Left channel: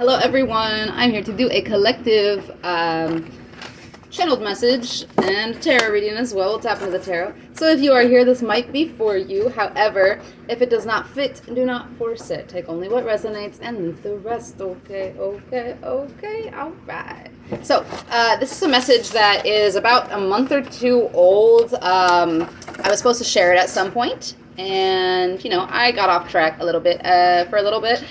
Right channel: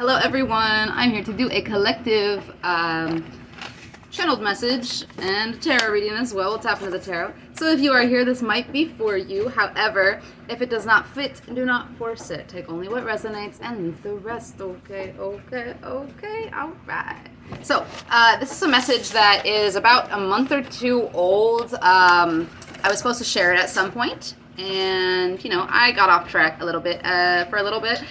Hello everyone, I'm here to do a collective channeled message and tarot reading as well. We'll tap into the tarot. So if you are here, this might be for you. However, if it does not fit, do not force it. Take only what resonates and leave the rest. Okay, all right. So this is a message that is about a month or two old. I was supposed to share it at some point, and you know, I got off track a little bit for a little bit.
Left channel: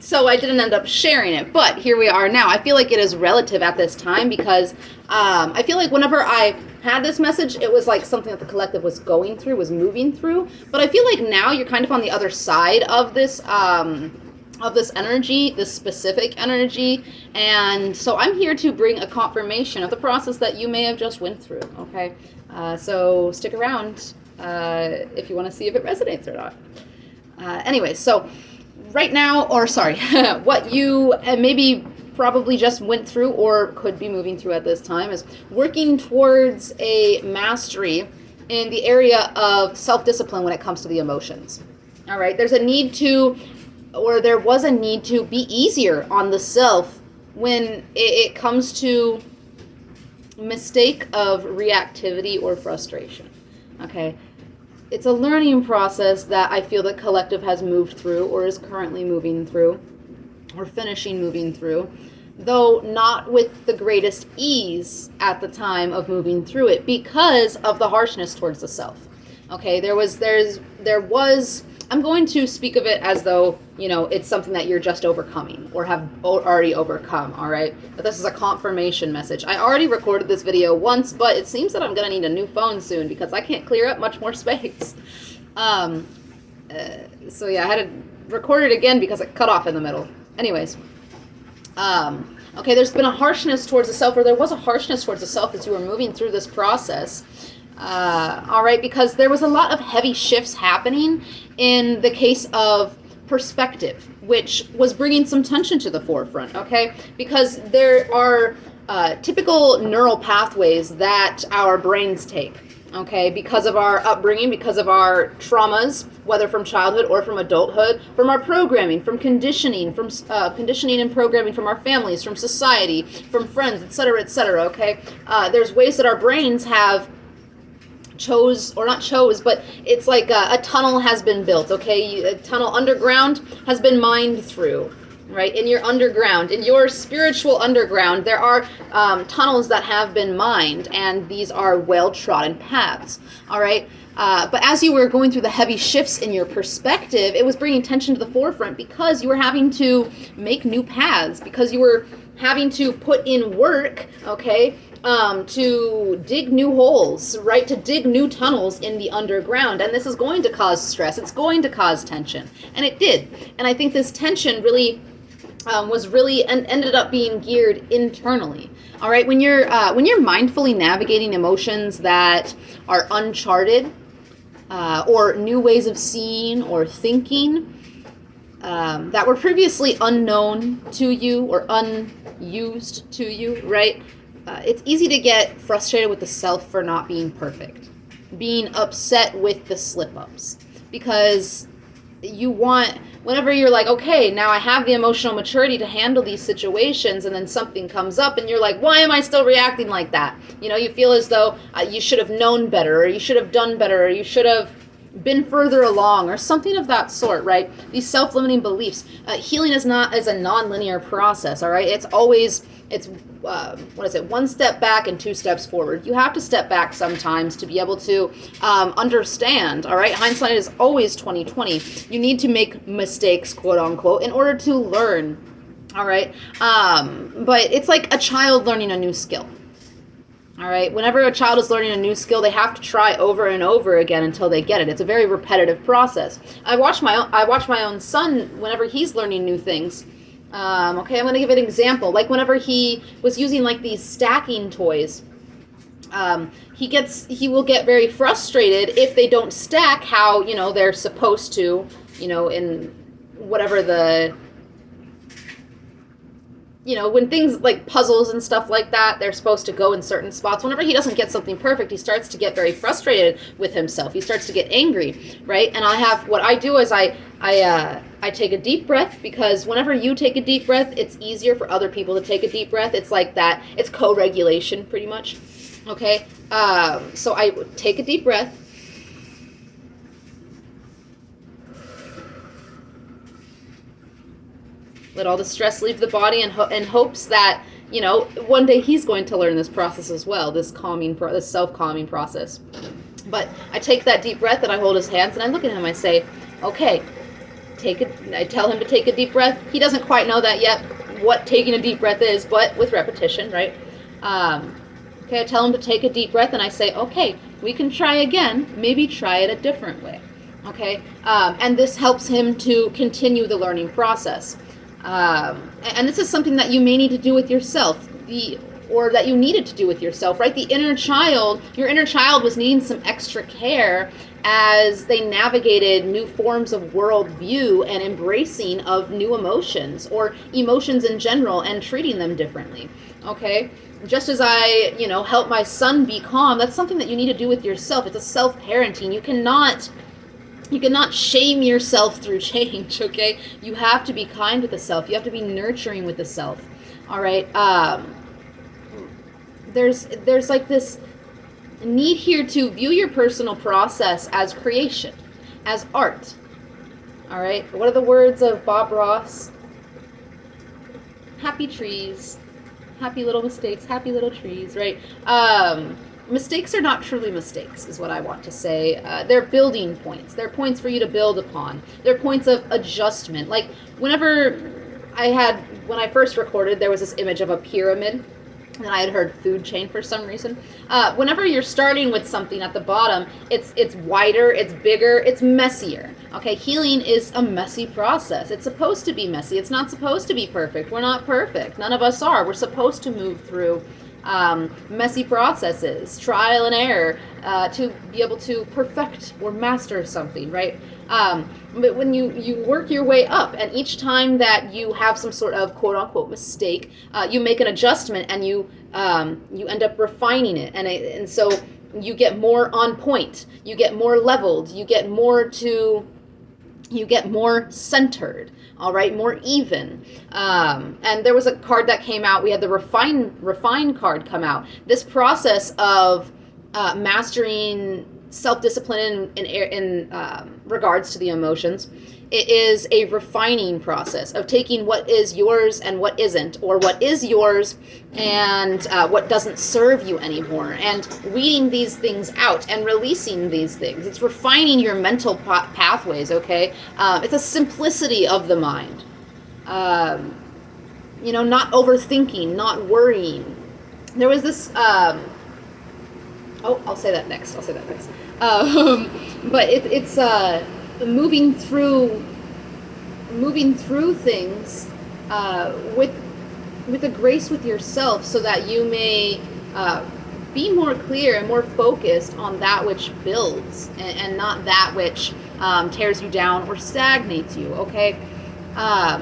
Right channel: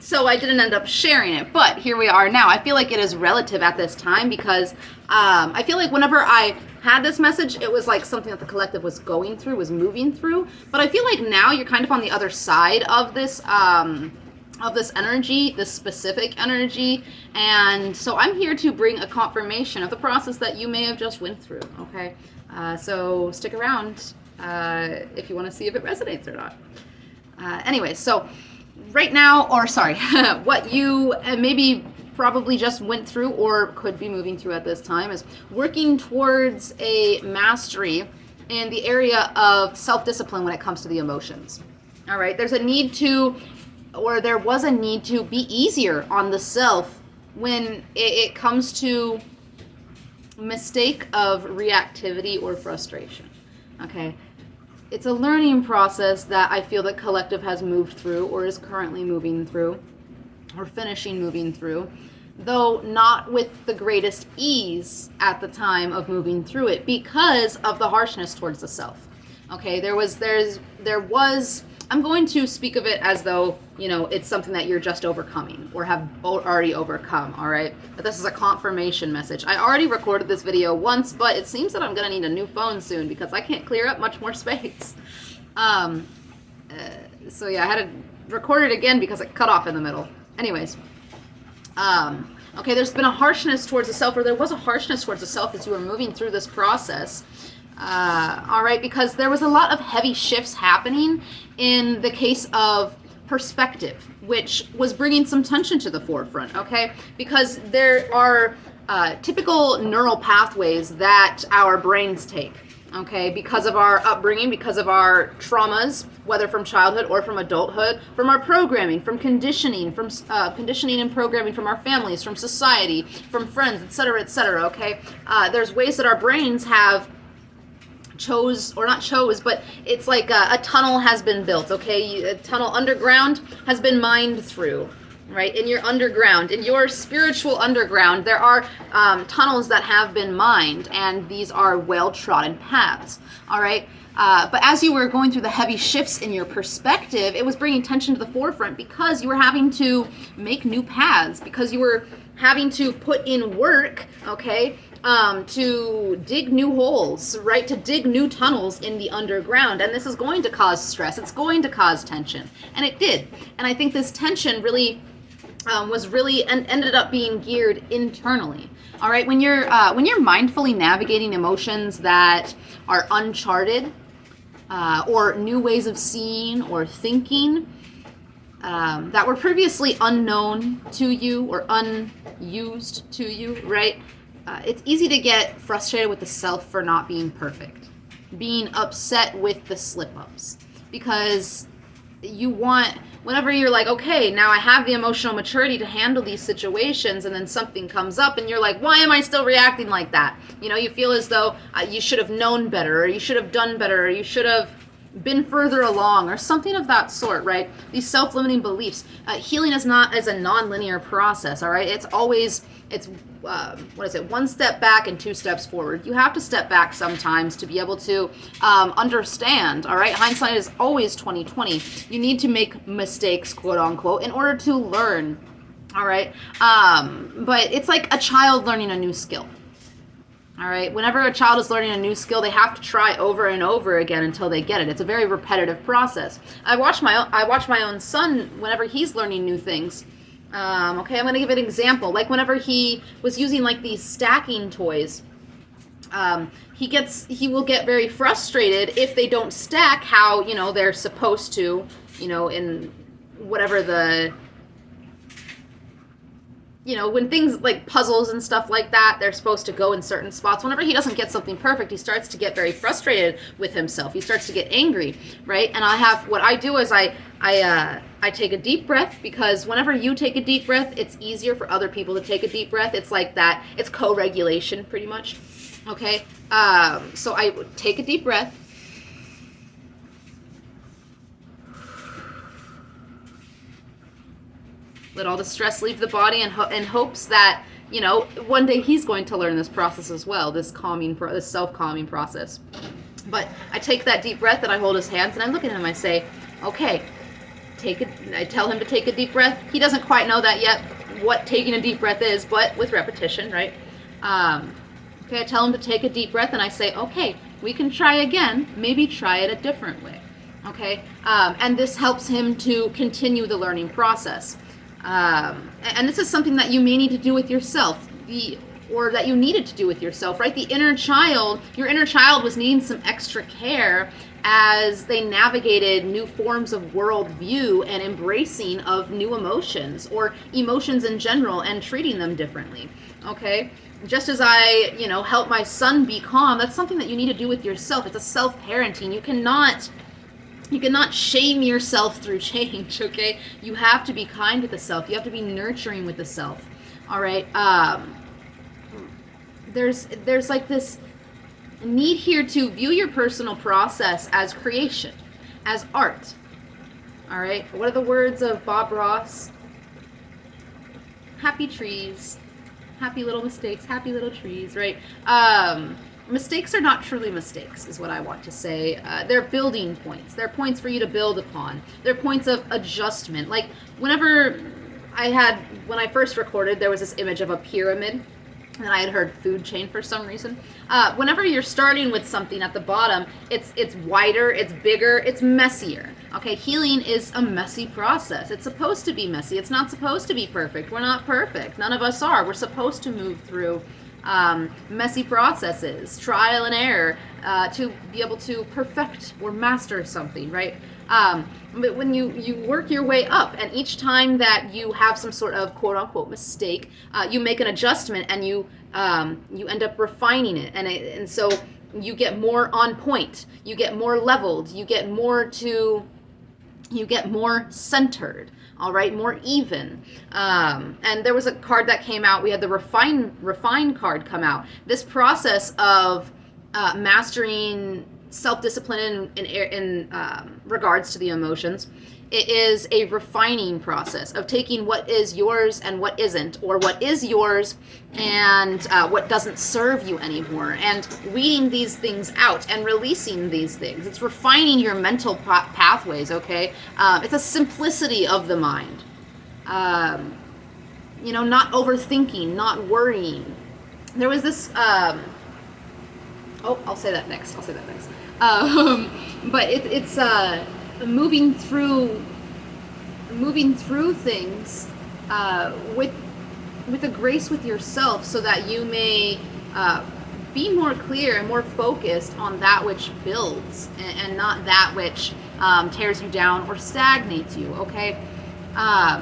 So I didn't end up sharing it, but here we are now. I feel like it is relative at this time because I feel like whenever I had this message, it was like something that the collective was going through, was moving through. But I feel like now you're kind of on the other side of this energy, this specific energy. And so I'm here to bring a confirmation of the process that you may have just went through, okay? So stick around if you want to see if it resonates or not. Anyways, so right now, or sorry, what you maybe probably just went through or could be moving through at this time is working towards a mastery in the area of self-discipline when it comes to the emotions. All right, there's a need to, or there was a need to be easier on the self when it comes to mistake of reactivity or frustration. Okay. It's a learning process that I feel that collective has moved through or is currently moving through or finishing moving through, though not with the greatest ease at the time of moving through it because of the harshness towards the self. Okay, there was, I'm going to speak of it as though, you know, it's something that you're just overcoming or have already overcome, all right? But this is a confirmation message. I already recorded this video once, but it seems that I'm going to need a new phone soon because I can't clear up much more space. So yeah, I had to record it again because it cut off in the middle. Anyways, okay, there's been a harshness towards the self, or there was a harshness towards the self as you were moving through this process. All right, because there was a lot of heavy shifts happening in the case of perspective, which was bringing some tension to the forefront, okay? Because there are typical neural pathways that our brains take, okay? Because of our upbringing, because of our traumas, whether from childhood or from adulthood, from our programming, from conditioning, from conditioning and programming from our families, from society, from friends, et cetera, okay? There's ways that our brains have but it's like a tunnel has been built, okay? A tunnel underground has been mined through, right? In your underground, in your spiritual underground, there are tunnels that have been mined, and these are well-trodden paths, all right? But as you were going through the heavy shifts in your perspective, it was bringing tension to the forefront because you were having to make new paths, because you were having to put in work, okay? To dig new holes, right? To dig new tunnels in the underground. And this is going to cause stress. It's going to cause tension. And it did. And I think this tension really was really and ended up being geared internally. All right. When you're mindfully navigating emotions that are uncharted, or new ways of seeing or thinking, that were previously unknown to you or unused to you, right? It's easy to get frustrated with the self for not being perfect, being upset with the slip-ups, because you want, whenever you're like, okay, now I have the emotional maturity to handle these situations, and then something comes up and you're like, why am I still reacting like that? You know, you feel as though you should have known better, or you should have done better, or you should have been further along, or something of that sort, right? These self-limiting beliefs. Healing is not as a non-linear process, all right? It's always, one step back and two steps forward. You have to step back sometimes to be able to understand, all right? Hindsight is always 20/20. You need to make mistakes, quote unquote, in order to learn, all right? But it's like a child learning a new skill. All right. Whenever a child is learning a new skill, they have to try over and over again until they get it. It's a very repetitive process. I watch my own son whenever he's learning new things. Okay, I'm going to give an example. Like whenever he was using like these stacking toys, he will get very frustrated if they don't stack how, you know, they're supposed to, you know, in whatever the when things like puzzles and stuff like that, they're supposed to go in certain spots. Whenever he doesn't get something perfect, he starts to get very frustrated with himself. He starts to get angry, right? And what I do is I take a deep breath, because whenever you take a deep breath, it's easier for other people to take a deep breath. It's like that. It's co-regulation, pretty much. Okay? So I take a deep breath. Let all the stress leave the body, in hopes that, one day he's going to learn this process as well, this self-calming process. But I take that deep breath and I hold his hands and I look at him. I say, okay, I tell him to take a deep breath. He doesn't quite know that yet, what taking a deep breath is, but with repetition, right? Okay, I tell him to take a deep breath and I say, okay, we can try again, maybe try it a different way. Okay, and this helps him to continue the learning process. And this is something that you may need to do with yourself, or that you needed to do with yourself, right? Your inner child was needing some extra care as they navigated new forms of worldview and embracing of new emotions, or emotions in general, and treating them differently, okay? Just as I, help my son be calm, that's something that you need to do with yourself. It's a self-parenting. You cannot shame yourself through change, okay? You have to be kind with the self. You have to be nurturing with the self, all right? There's like this need here to view your personal process as creation, as art, all right? What are the words of Bob Ross? Happy trees, happy little mistakes, happy little trees, right? Mistakes are not truly mistakes, is what I want to say. They're building points. They're points for you to build upon. They're points of adjustment. Like when I first recorded, there was this image of a pyramid, and I had heard food chain for some reason. Whenever you're starting with something at the bottom, it's wider, it's bigger, it's messier. Okay, healing is a messy process. It's supposed to be messy. It's not supposed to be perfect. We're not perfect. None of us are. We're supposed to move through messy processes, trial and error, to be able to perfect or master something, right? But when you work your way up, and each time that you have some sort of quote-unquote mistake, you make an adjustment, and you end up refining it, and so you get more on point, you get more leveled, you get more centered, all right, more even. And there was a card that came out. We had the refine card come out. This process of mastering self-discipline in regards to the emotions, it is a refining process of taking what is yours and what isn't, or what is yours and what doesn't serve you anymore, and weeding these things out and releasing these things. It's refining your mental pathways, okay? It's a simplicity of the mind. Not overthinking, not worrying. There was this... I'll say that next. But it's moving through things with a grace with yourself, so that you may be more clear and more focused on that which builds, and not that which tears you down or stagnates you, okay?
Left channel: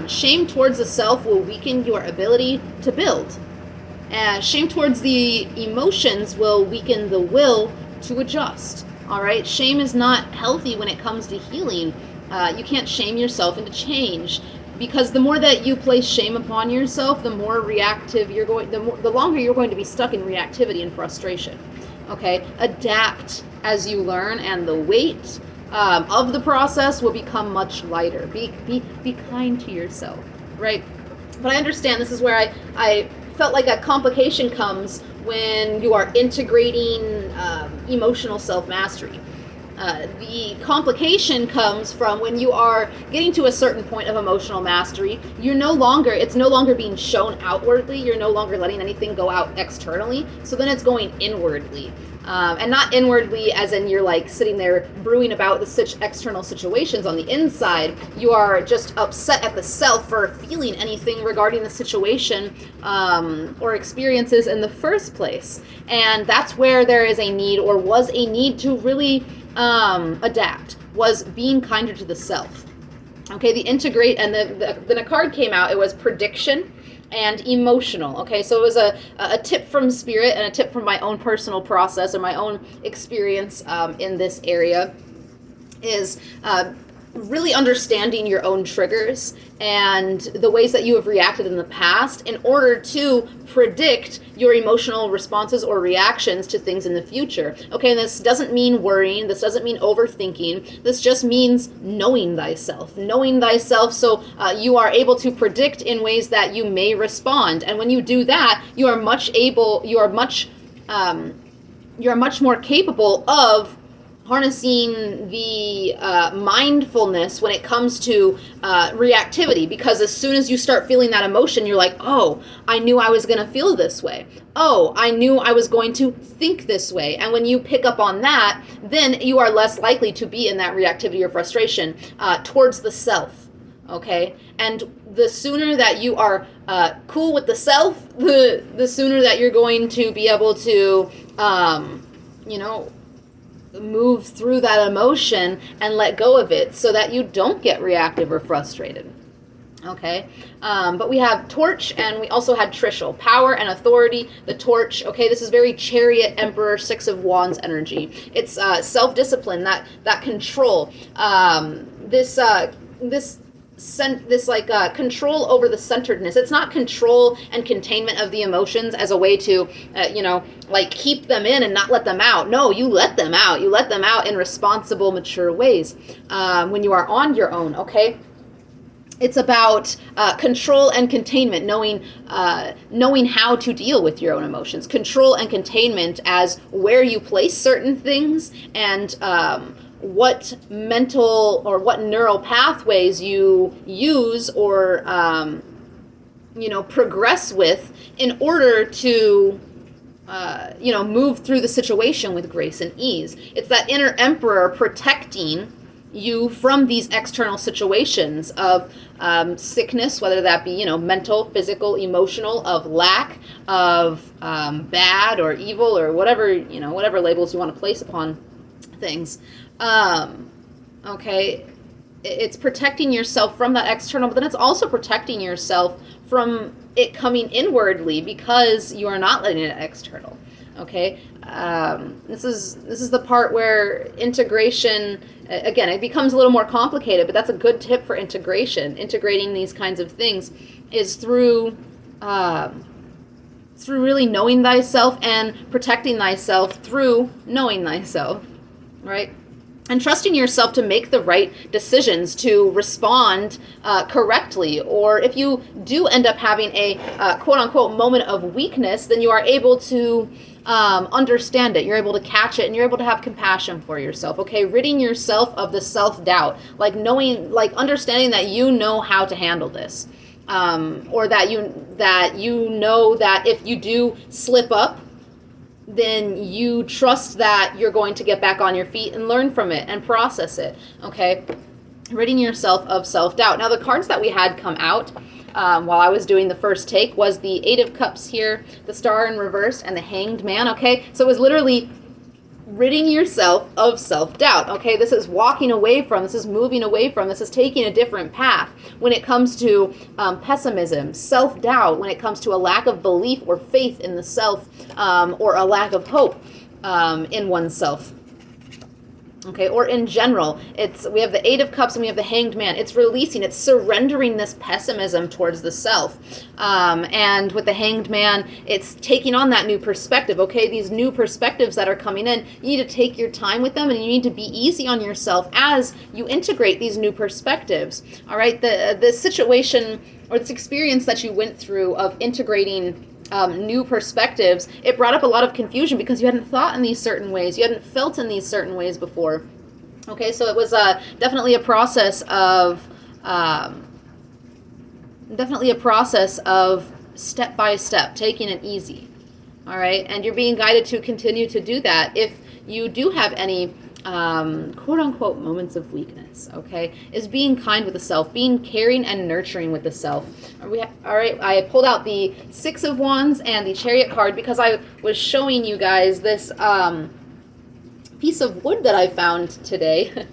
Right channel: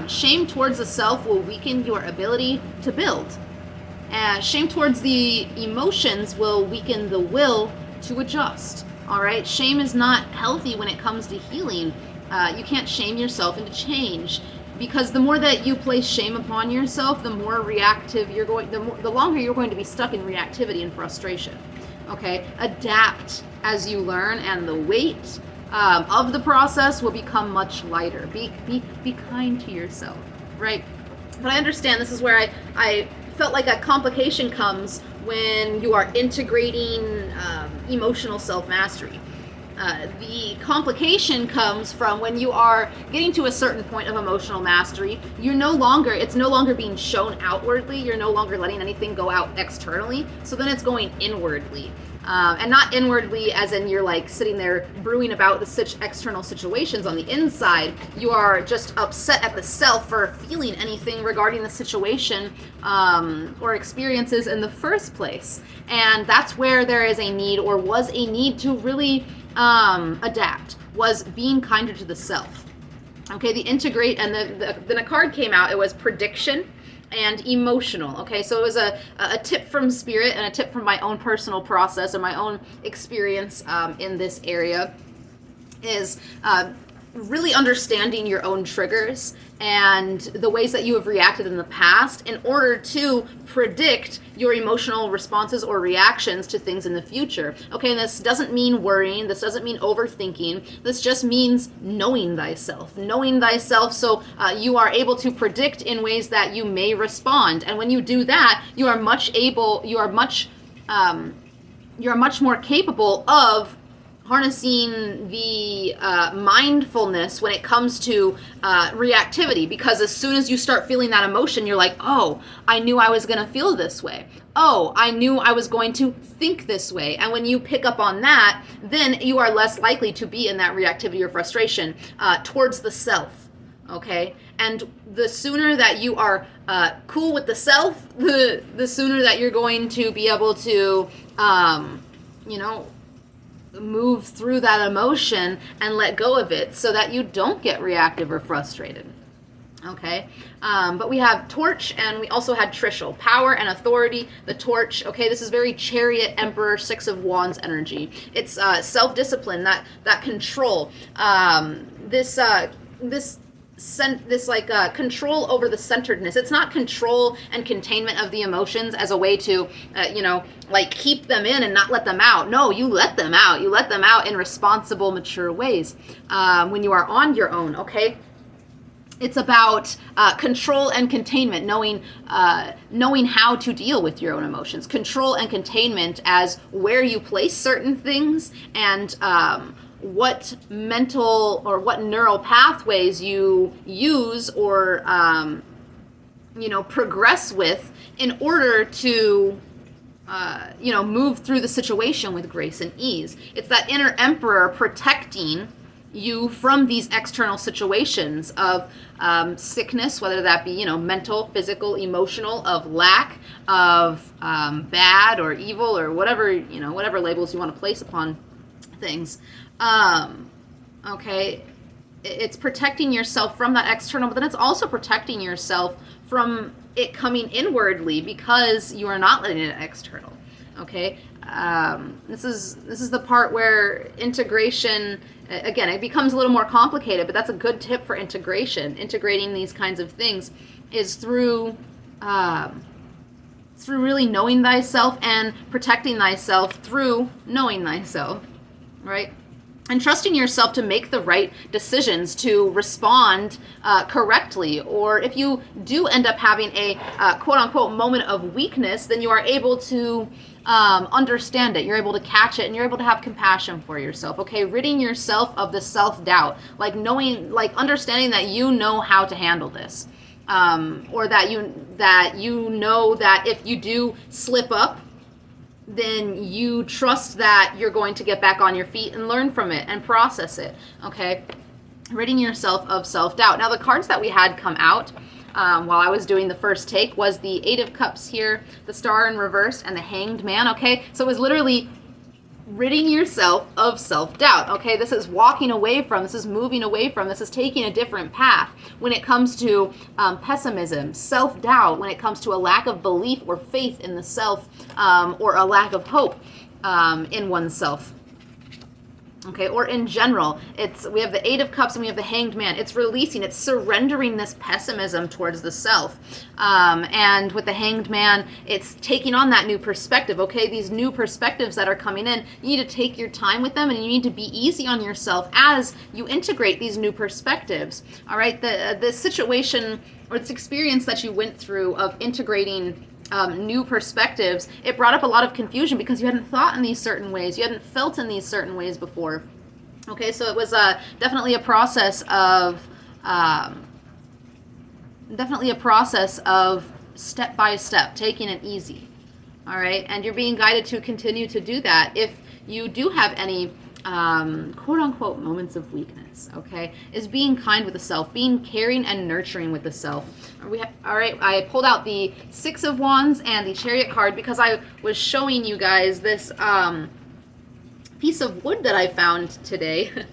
Shame towards the self will weaken your ability to build. Shame towards the emotions will weaken the will to adjust. All right, shame is not healthy when it comes to healing. You can't shame yourself into change, because the more that you place shame upon yourself, the more reactive the longer you're going to be stuck in reactivity and frustration. Okay, adapt as you learn, and the weight of the process will become much lighter. Be kind to yourself, right? But I understand this is where I felt like a complication comes when you are integrating emotional self-mastery. The complication comes from when you are getting to a certain point of emotional mastery. It's no longer being shown outwardly. You're no longer letting anything go out externally. So then it's going inwardly. And not inwardly as in you're like sitting there brewing about the external situations on the inside. You are just upset at the self for feeling anything regarding the situation or experiences in the first place. And that's where there is a need, or was a need, to really adapt, was being kinder to the self. Okay, the integrate, and then a card came out. It was prediction and emotional. Okay, so it was a tip from spirit and a tip from my own personal process or my own experience in this area is really understanding your own triggers and the ways that you have reacted in the past in order to predict your emotional responses or reactions to things in the future. Okay, and this doesn't mean worrying, this doesn't mean overthinking, this just means knowing thyself. Knowing thyself so you are able to predict in ways that you may respond. And when you do that, you are much more capable of harnessing the mindfulness when it comes to reactivity, because as soon as you start feeling that emotion, you're like, oh, I knew I was going to feel this way. Oh, I knew I was going to think this way. And when you pick up on that, then you are less likely to be in that reactivity or frustration towards the self. Okay? And the sooner that you are cool with the self, the sooner that you're going to be able to, move through that emotion and let go of it so that you don't get reactive or frustrated. Okay, but we have torch, and we also had trishul, power and authority. The torch, okay, this is very Chariot, Emperor, Six of Wands energy. It's self-discipline, that control. Control over the centeredness. It's not control and containment of the emotions as a way to, keep them in and not let them out. No, you let them out. You let them out in responsible, mature ways when you are on your own, okay? It's about control and containment, knowing how to deal with your own emotions. Control and containment as where you place certain things and what mental or what neural pathways you use or progress with in order to move through the situation with grace and ease. It's that inner emperor protecting you from these external situations of sickness, whether that be mental, physical, emotional, of lack, of bad or evil, or whatever labels you want to place upon things. Okay, it's protecting yourself from that external, but then it's also protecting yourself from it coming inwardly because you are not letting it external. Okay, this is the part where integration, again, it becomes a little more complicated, but that's a good tip for integration. Integrating these kinds of things is through really knowing thyself and protecting thyself through knowing thyself, right? And trusting yourself to make the right decisions, to respond correctly. Or if you do end up having a quote-unquote moment of weakness, then you are able to understand it. You're able to catch it, and you're able to have compassion for yourself. Okay, ridding yourself of the self-doubt, understanding that you know how to handle this, or that you know that if you do slip up, then you trust that you're going to get back on your feet and learn from it and process it, okay? Ridding yourself of self-doubt. Now, the cards that we had come out while I was doing the first take was the Eight of Cups here, the Star in reverse, and the Hanged Man, okay? So it was literally ridding yourself of self-doubt, okay? This is walking away from, this is moving away from, this is taking a different path when it comes to pessimism, self-doubt, when it comes to a lack of belief or faith in the self, or a lack of hope in oneself. Okay, or in general, we have the Eight of Cups and we have the Hanged Man. It's releasing, it's surrendering this pessimism towards the self. And with the Hanged Man, it's taking on that new perspective, okay? These new perspectives that are coming in, you need to take your time with them, and you need to be easy on yourself as you integrate these new perspectives, all right? The situation or this experience that you went through of integrating new perspectives, it brought up a lot of confusion because you hadn't thought in these certain ways, you hadn't felt in these certain ways before. Okay, so it was definitely a process of step by step, taking it easy. All right, and you're being guided to continue to do that if you do have any quote-unquote moments of weakness, okay, is being kind with the self, being caring and nurturing with the self. All right, I pulled out the Six of Wands and the Chariot card because I was showing you guys this piece of wood that I found today.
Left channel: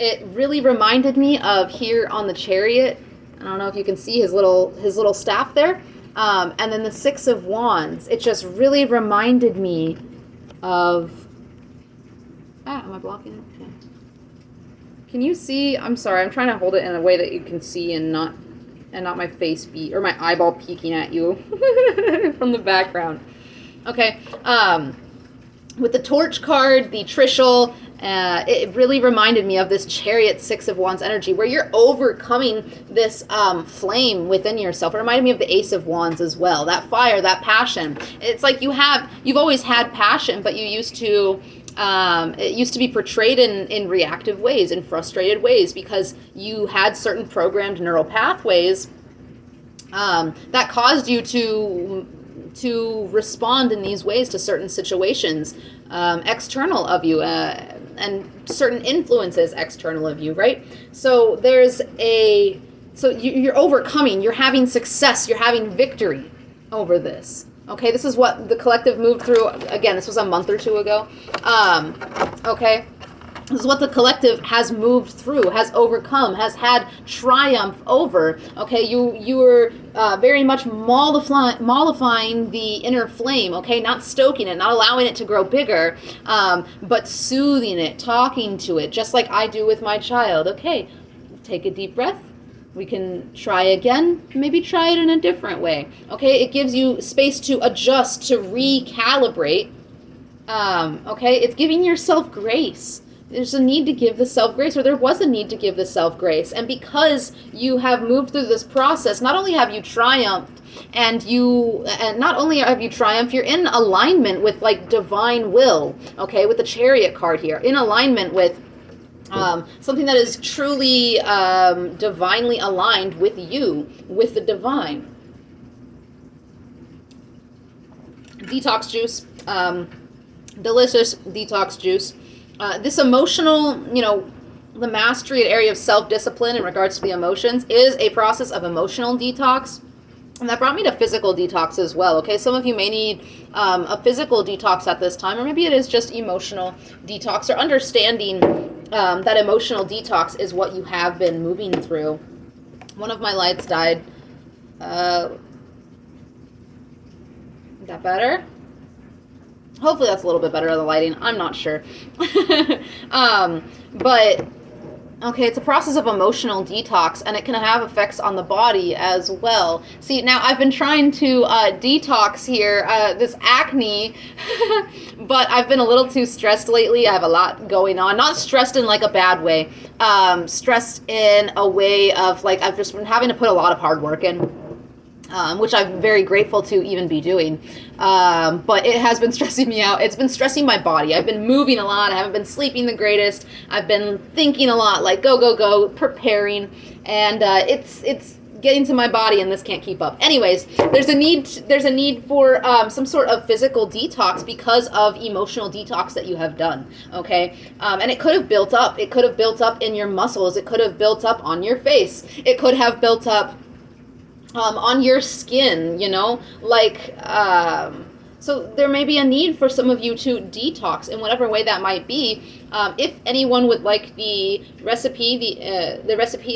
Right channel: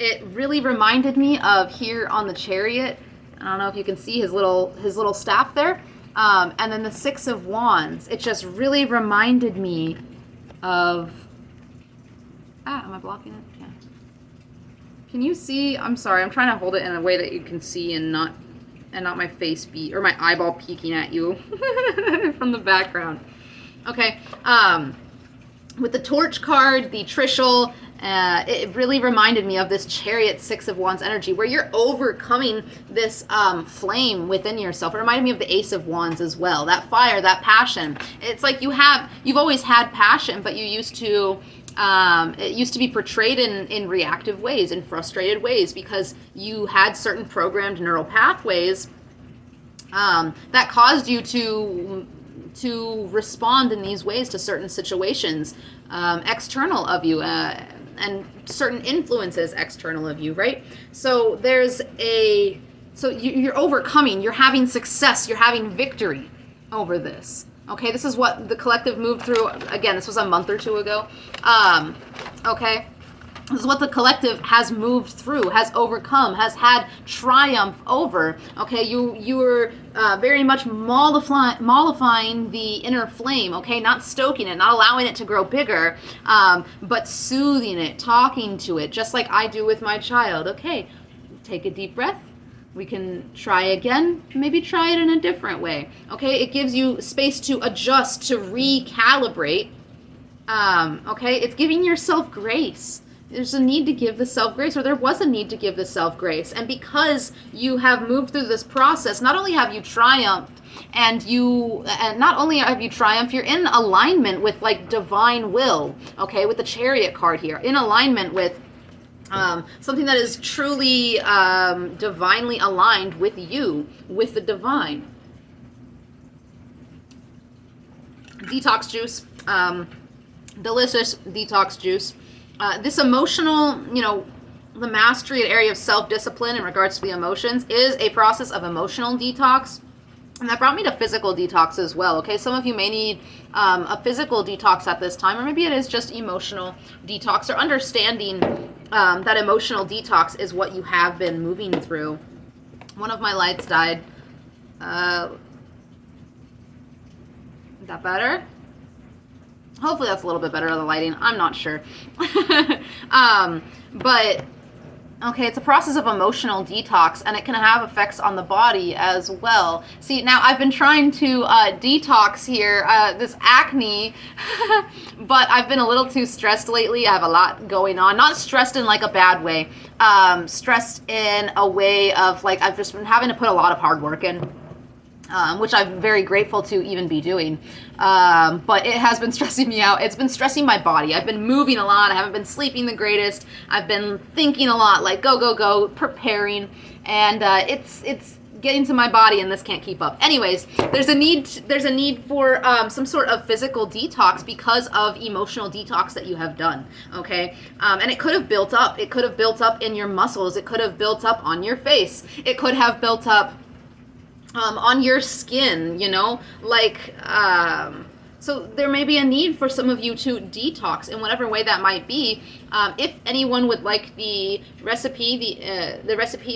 it really reminded me of here on the chariot. I don't know if you can see his little staff there. And then the Six of Wands. It just really reminded me of... am I blocking it? Yeah. Can you see? I'm sorry. I'm trying to hold it in a way that you can see and not my face or my eyeball peeking at you from the background. Okay. With the Torch card, the Trishul, it really reminded me of this Chariot Six of Wands energy where you're overcoming this flame within yourself. It reminded me of the Ace of Wands as well. That fire, that passion. It's like you've always had passion, but it used to be portrayed in reactive ways, in frustrated ways, because you had certain programmed neural pathways that caused you to respond in these ways to certain situations external of you and certain influences external of you, right? So you're overcoming, you're having success, you're having victory over this. Okay, this is what the collective moved through. Again, this was a month or two ago. Okay, this is what the collective has moved through, has overcome, has had triumph over. Okay, you were very much mollifying the inner flame. Okay, not stoking it, not allowing it to grow bigger, but soothing it, talking to it, just like I do with my child. Okay, take a deep breath. We can try again, maybe try it in a different way. Okay, it gives you space to adjust, to recalibrate. Okay, it's giving yourself grace. There's a need to give the self grace, or there was a need to give the self grace. And because you have moved through this process, not only have you triumphed, and not only have you triumphed, you're in alignment with like divine will. Okay, with the Chariot card here, in alignment with something that is truly divinely aligned with you, with the divine. Detox juice, delicious detox juice. This emotional, the mastery, an area of self-discipline in regards to the emotions, is a process of emotional detox. And that brought me to physical detox as well, okay? Some of you may need a physical detox at this time, or maybe it is just emotional detox, or understanding that emotional detox is what you have been moving through. One of my lights died. Is that better? Hopefully that's a little bit better of the lighting. I'm not sure. But... okay, it's a process of emotional detox, and it can have effects on the body as well. See, now I've been trying to detox here, this acne, but I've been a little too stressed lately. I have a lot going on. Not stressed in like a bad way. Stressed in a way of like I've just been having to put a lot of hard work in. Which I'm very grateful to even be doing. But it has been stressing me out. It's been stressing my body. I've been moving a lot. I haven't been sleeping the greatest. I've been thinking a lot, like go, preparing. And it's getting to my body, and this can't keep up. Anyways, there's a need for some sort of physical detox because of emotional detox that you have done, okay? And it could have built up. It could have built up in your muscles. It could have built up on your face. It could have built up on your skin, so there may be a need for some of you to detox in whatever way that might be. If anyone would like the recipe,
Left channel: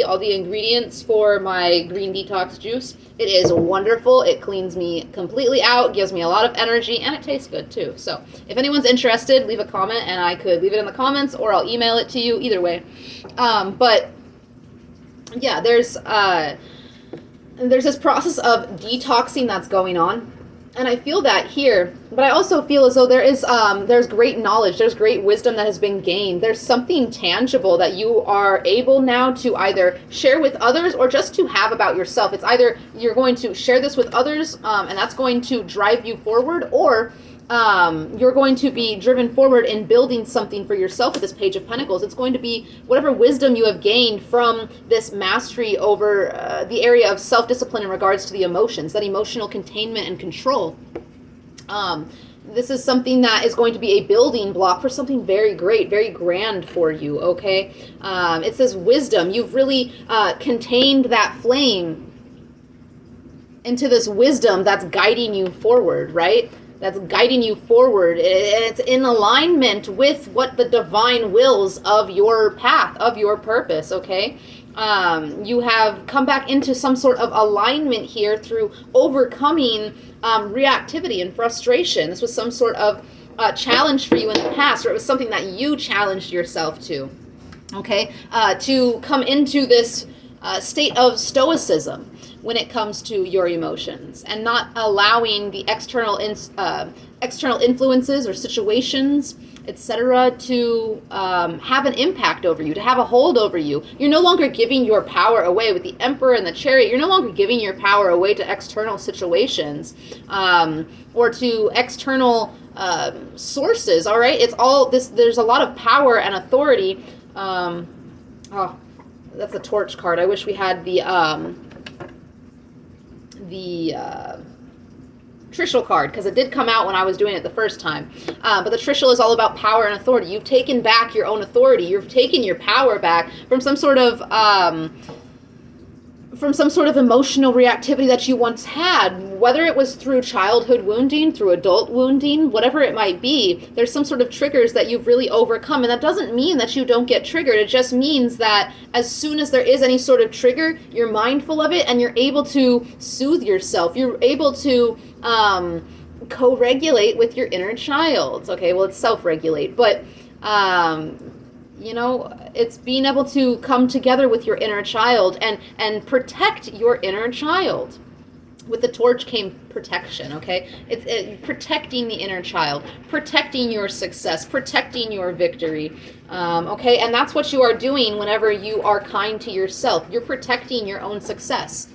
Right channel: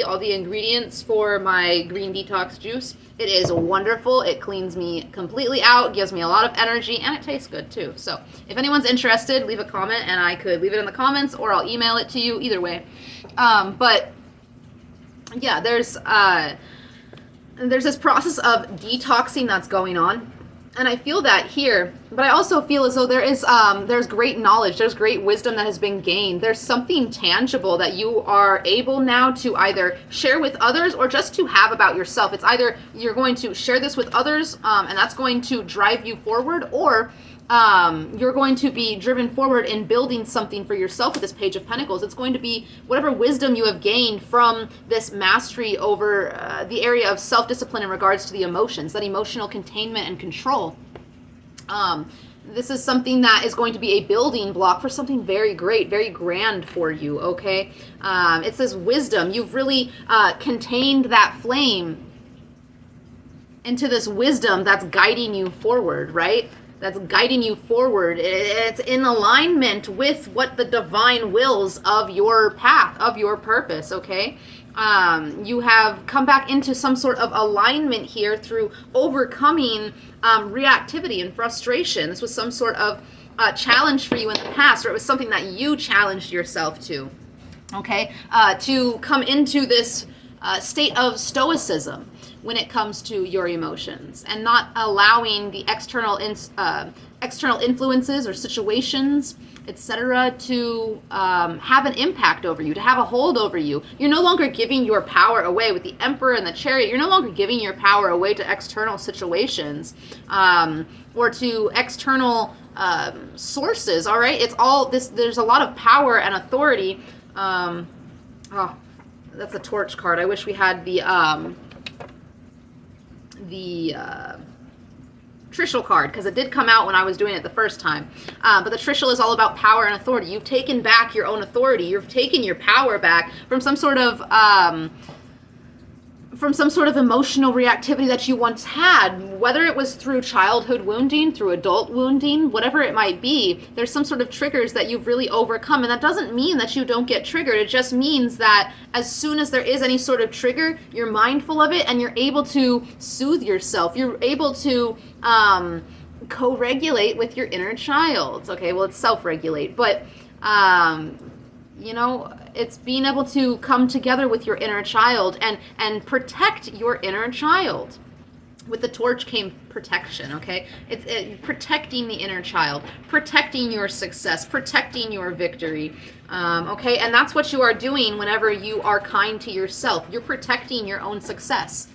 all the ingredients for my green detox juice, it is wonderful. It cleans me completely out, gives me a lot of energy, and it tastes good too. So if anyone's interested, leave a comment, and I could leave it in the comments, or I'll email it to you, either way. But yeah, there's this process of detoxing that's going on, and I feel that here, but I also feel as though there's great knowledge, there's great wisdom that has been gained. There's something tangible that you are able now to either share with others or just to have about yourself. It's either you're going to share this with others, and that's going to drive you forward, or you're going to be driven forward in building something for yourself with this Page of Pentacles. It's going to be whatever wisdom you have gained from this mastery over the area of self-discipline in regards to the emotions, that emotional containment and control. This is something that is going to be a building block for something very great, very grand for you, okay? It says wisdom. You've really contained that flame into this wisdom that's guiding you forward, right? that's guiding you forward. It's in alignment with what the divine wills of your path, of your purpose, okay? You have come back into some sort of alignment here through overcoming reactivity and frustration. This was some sort of challenge for you in the past, or it was something that you challenged yourself to, okay? To come into this state of stoicism when it comes to your emotions, and not allowing the external influences or situations, etc., to have an impact over you, to have a hold over you. You're no longer giving your power away with the Emperor and the Chariot. You're no longer giving your power away to external situations or to external sources. All right, it's all this. There's a lot of power and authority. Oh, that's a torch card. I wish we had the Trishul card, because it did come out when I was doing it the first time. But the Trishul is all about power and authority. You've taken back your own authority. You've taken your power back from some sort of emotional reactivity that you once had, whether it was through childhood wounding, through adult wounding, whatever it might be. There's some sort of triggers that you've really overcome, and that doesn't mean that you don't get triggered. It just means that as soon as there is any sort of trigger, you're mindful of it and you're able to soothe yourself. You're able to co-regulate with your inner child. Okay, well, it's self-regulate, but it's being able to come together with your inner child and protect your inner child. With the torch came protection, okay? It's protecting the inner child, protecting your success, protecting your victory, okay? And that's what you are doing whenever you are kind to yourself. You're protecting your own success,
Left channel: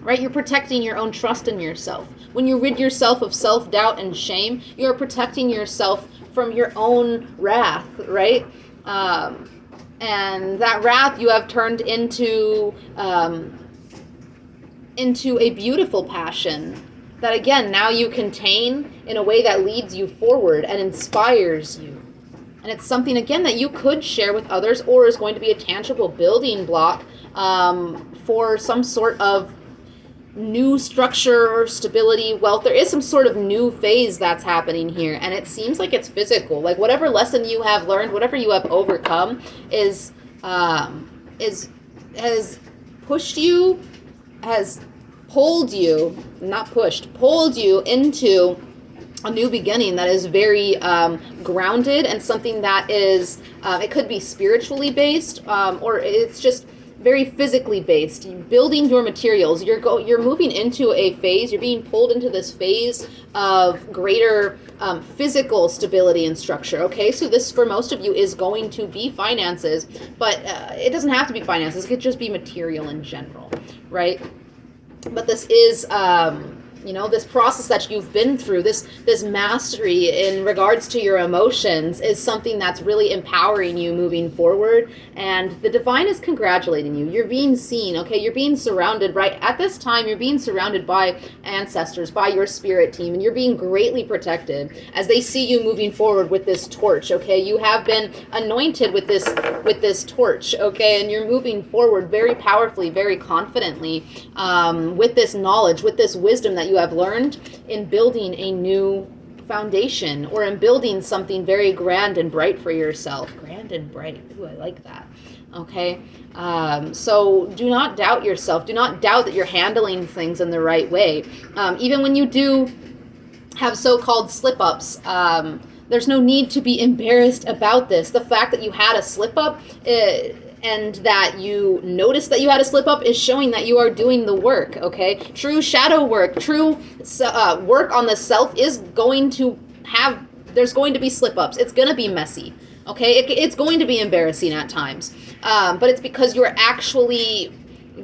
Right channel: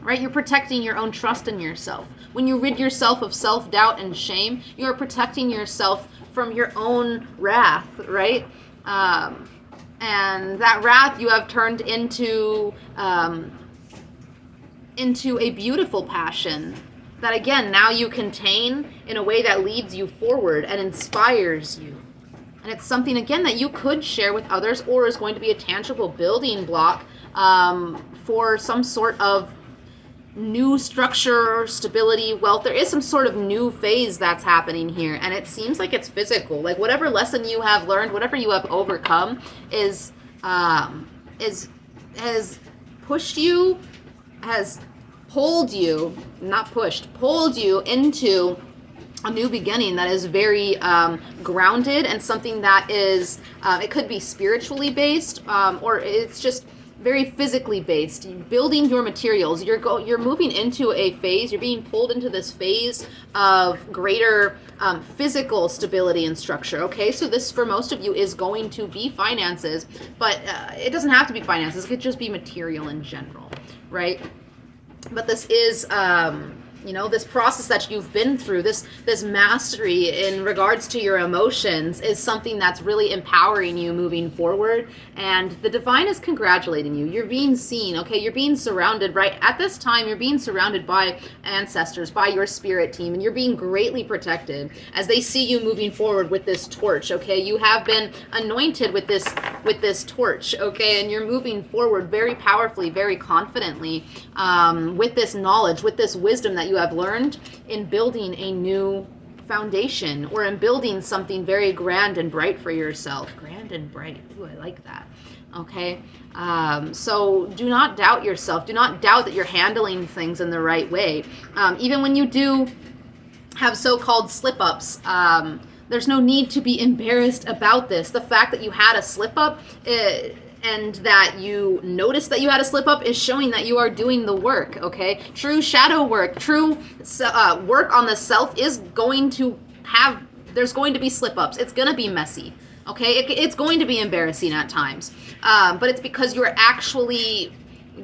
right? You're protecting your own trust in yourself. When you rid yourself of self-doubt and shame, you are protecting yourself from your own wrath, right? And that wrath you have turned into a beautiful passion that, again, now you contain in a way that leads you forward and inspires you. And it's something, again, that you could share with others, or is going to be a tangible building block for some sort of new structure, stability, wealth. There is some sort of new phase that's happening here, and it seems like it's physical. Like whatever lesson you have learned, whatever you have overcome has pushed you, has pulled you, not pushed, pulled you into a new beginning that is very grounded, and something that is, it could be spiritually based, or it's just very physically based. Building your materials, you're moving into a phase, you're being pulled into this phase of greater physical stability and structure, okay? So this, for most of you, is going to be finances, but it doesn't have to be finances. It could just be material in general, right? But this is, this process that you've been through, this mastery in regards to your emotions, is something that's really empowering you moving forward. And the divine is congratulating you. You're being seen, okay? You're being surrounded, right? At this time, you're being surrounded by ancestors, by your spirit team, and you're being greatly protected as they see you moving forward with this torch, okay? You have been anointed with this torch, okay? And you're moving forward very powerfully, very confidently, with this knowledge, with this wisdom that you have learned in building a new foundation, or in building something very grand and bright for yourself. Grand and bright. Ooh, I like that. Okay. So do not doubt yourself. Do not doubt that you're handling things in the right way. Even when you do have so-called slip-ups, there's no need to be embarrassed about this. The fact that you had a slip-up and that you noticed that you had a slip-up is showing that you are doing the work, okay? True shadow work, true work on the self is going to have, there's going to be slip-ups. It's going to be messy, okay? It's going to be embarrassing at times. But it's because you're actually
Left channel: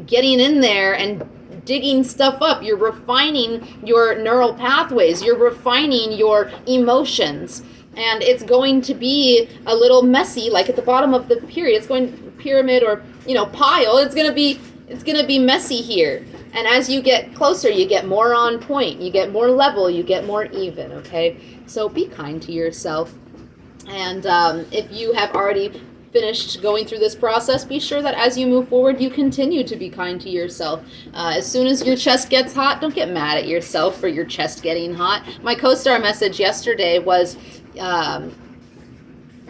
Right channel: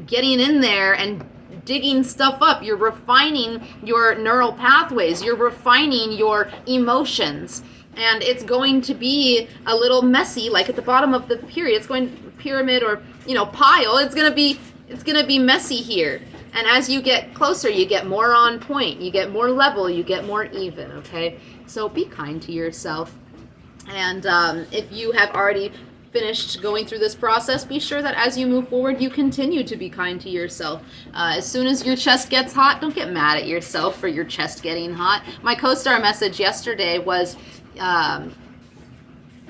getting in there and digging stuff up. You're refining your neural pathways. You're refining your emotions. And it's going to be a little messy, like at the bottom of the pyramid or pile. It's gonna be messy here. And as you get closer, you get more on point. You get more level. You get more even. Okay. So be kind to yourself. And if you have already finished going through this process, be sure that as you move forward, you continue to be kind to yourself. As soon as your chest gets hot, don't get mad at yourself for your chest getting hot. My co-star message yesterday was,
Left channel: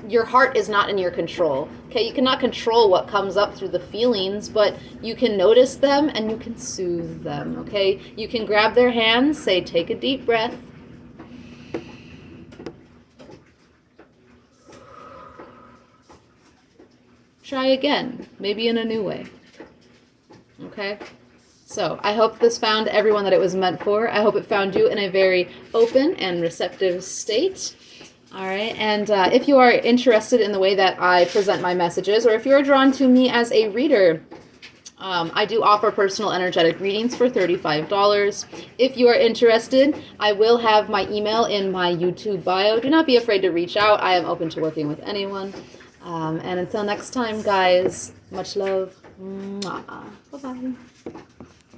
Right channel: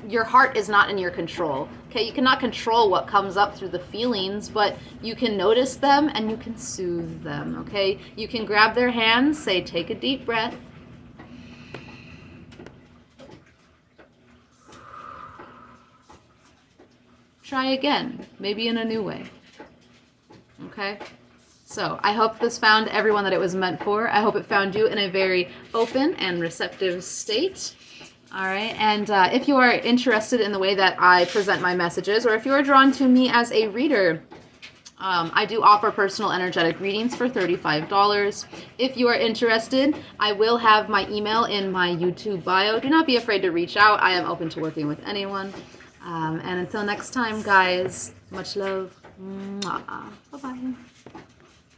your heart is not in your control. Okay, you cannot control what comes up through the feelings, but you can notice them and you can soothe them. Okay, you can grab their hands, say, take a deep breath. Try again, maybe in a new way. Okay, so I hope this found everyone that it was meant for. I hope it found you in a very open and receptive state. All right, and if you are interested in the way that I present my messages, or if you are drawn to me as a reader, I do offer personal energetic readings for $35. If you are interested, I will have my email in my YouTube bio. Do not be afraid to reach out. I am open to working with anyone. And until next time, guys, much love. Mwah. Bye-bye.